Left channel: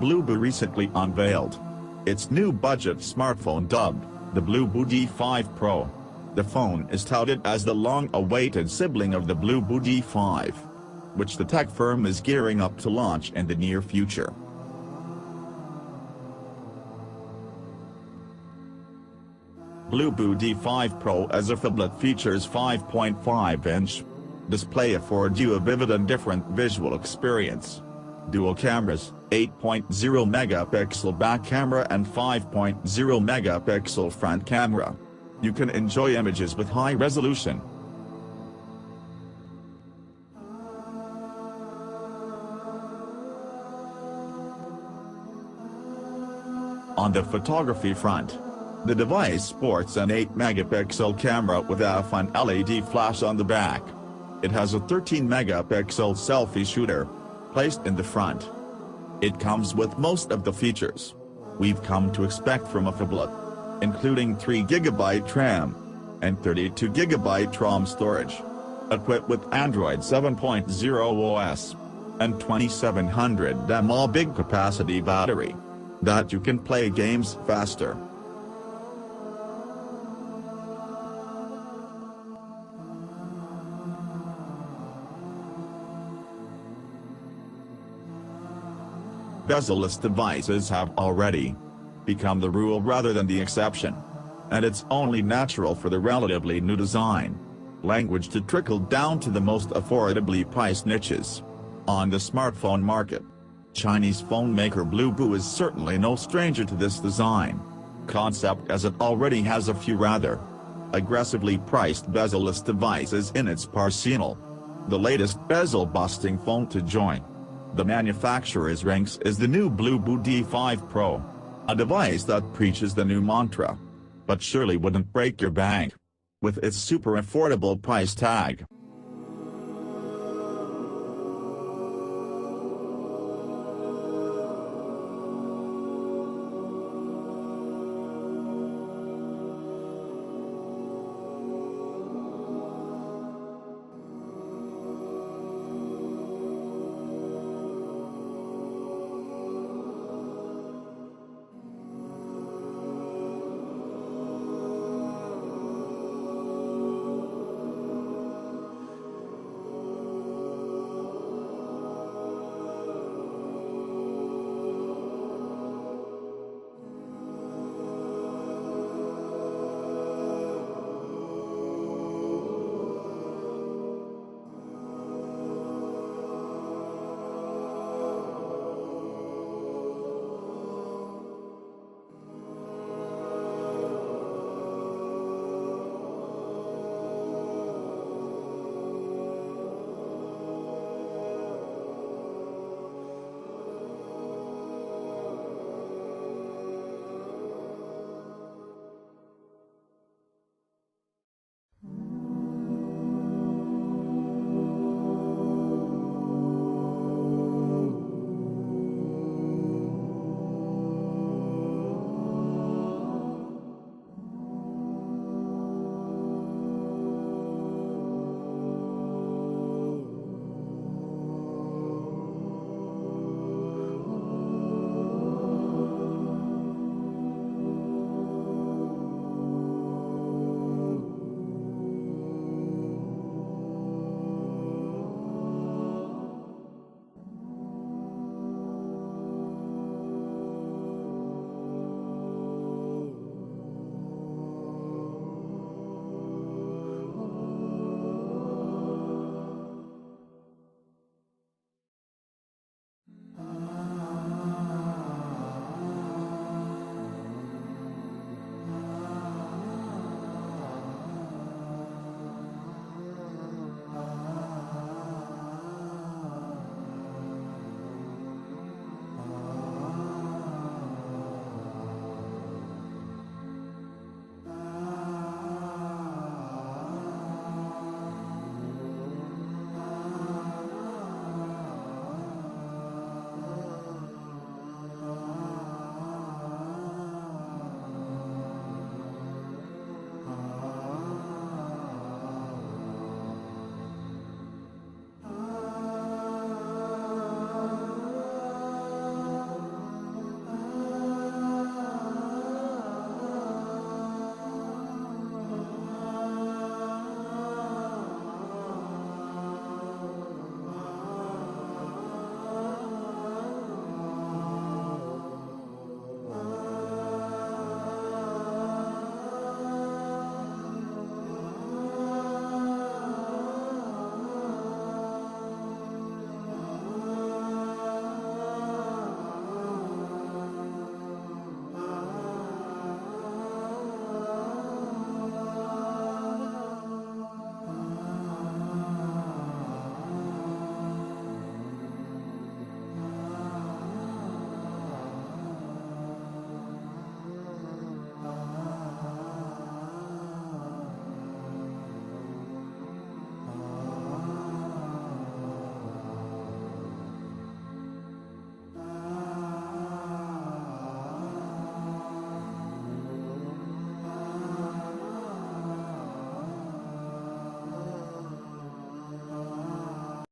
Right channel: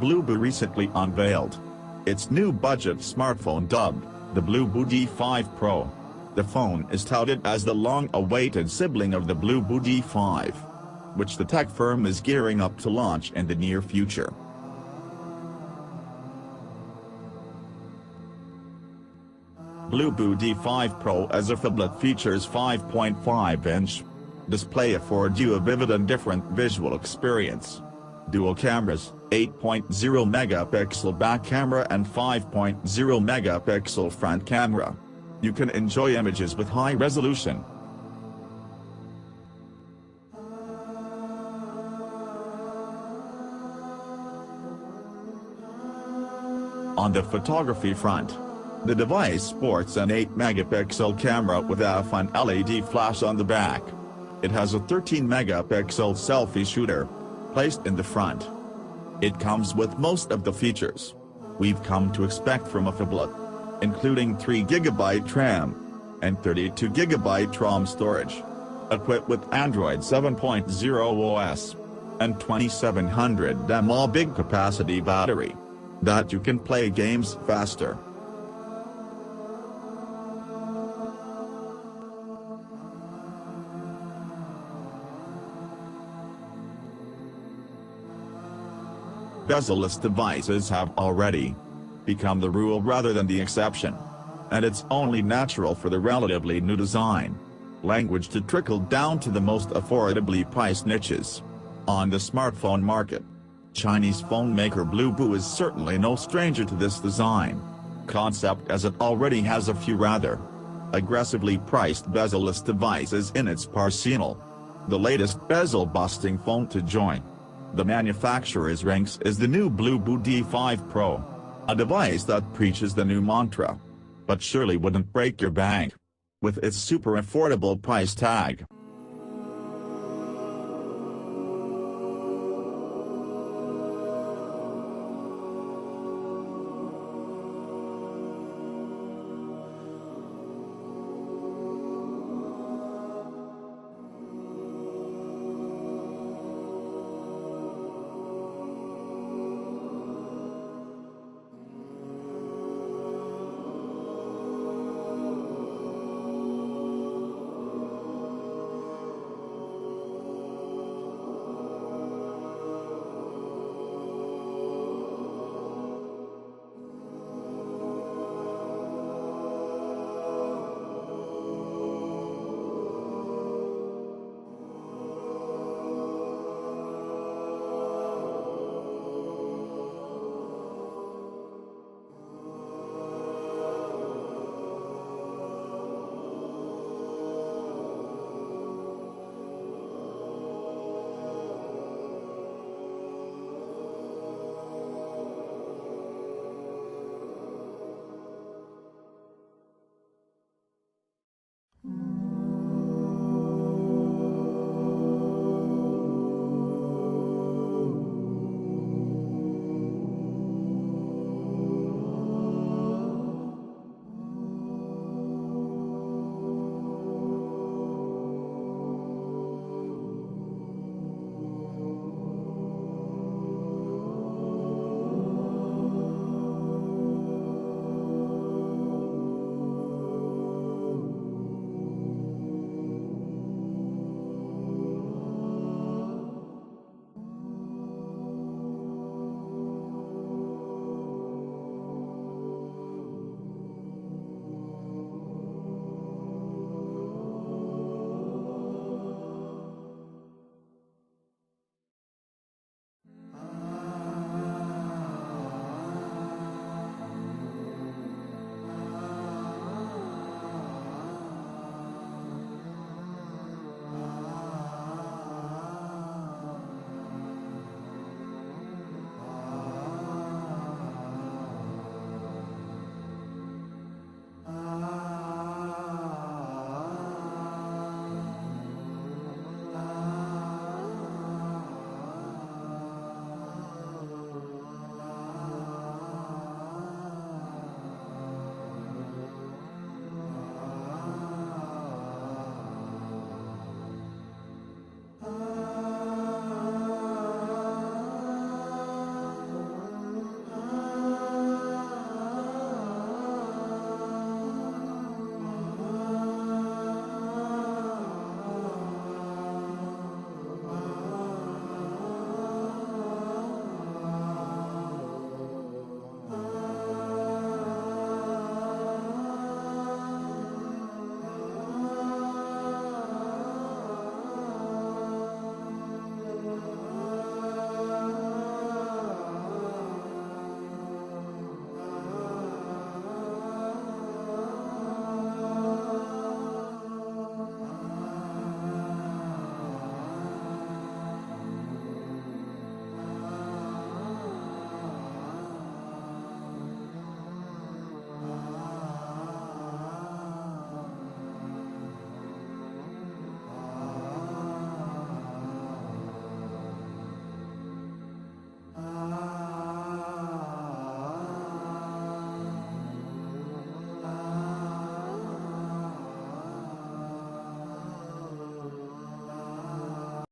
Bluboo recently unveiled its new budget smartphone dubbed the Bluboo D5 Pro. The phone is touted as the long-awaited sibling of the Bluboo D5, which the tech firm is gearing up to launch in the near future. Bluboo D5 Pro as a phablet features 5.5-inch display affords you a vivid and different visual experience. Dual cameras, 8.0-megapixel back camera and 5.0-megapixel front camera. You can enjoy images with high resolution. On the photography front, the device sports an 8-megapixel camera with a fun LED flash on the back. It has a 13-megapixel selfie shooter placed in the front. It comes with most of the features we've come to expect from a phablet, including 3GB RAM and 32GB ROM storage, equipped with Android 7.0 OS, and 2700 mAh big capacity battery, that you can play games faster. Bezel-less devices have already become the rule rather than the exception, and it's only natural for the relatively new design language to trickle down to the most affordably priced niches on the smartphone market. Chinese phone maker Bluboo is certainly no stranger to this design concept, as it already has a few rather aggressively priced bezel-less devices in its arsenal. The latest bezel-busting phone to join the manufacturer's ranks is the new Bluboo D5 Pro, a device that preaches the new mantra, but surely wouldn't break your bank with its super affordable price tag.